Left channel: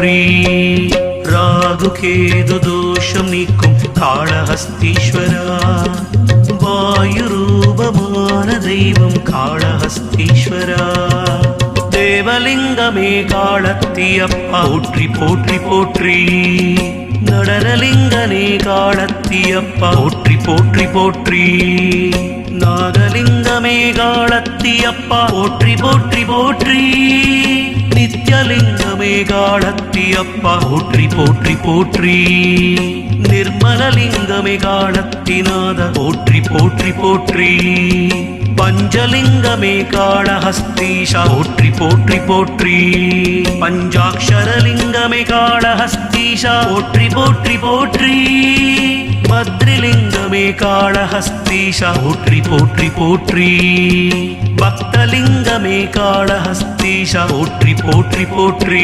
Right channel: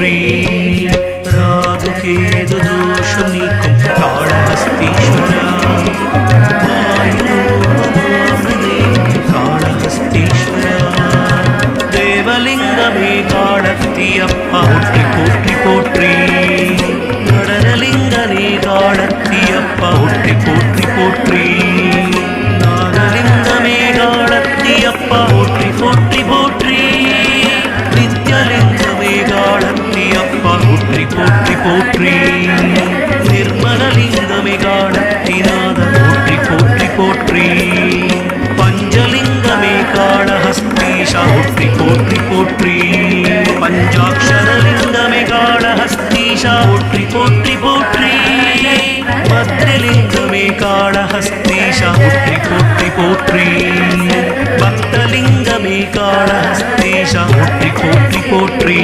போற்றி. ராதுகேது தோஷம் நீக்கும் காளஹஸ்தீஸ்வரா, வாயுரூபமானதே காளஹஸ்தீஸ்வரா. தேவலிங்கமே காளத்தியப்பா போற்றி போற்றி போற்றி. நடனலிங்கனே காளத்தியப்பா போற்றி போற்றி போற்றி. நாகலிங்கமே காளத்தியப்பா போற்றி போற்றி போற்றி. நித்யலிங்கமே காளத்தியப்பா போற்றி போற்றி போற்றி. நிர்மலலிங்கமே காளத்திநாத போற்றி போற்றி போற்றி. பஞ்சலிங்கமே காளஹஸ்தீஷா போற்றி போற்றி போற்றி. பஞ்சாட்சரலிங்கமே காளஹஸ்தீஷா போற்றி போற்றி போற்றி. பத்ரிலிங்கமே காளஹஸ்தீஷா போற்றி போற்றி போற்றி. பக்தலிங்கமே காளஹஸ்தீஷா போற்றி போற்றி போற்றி.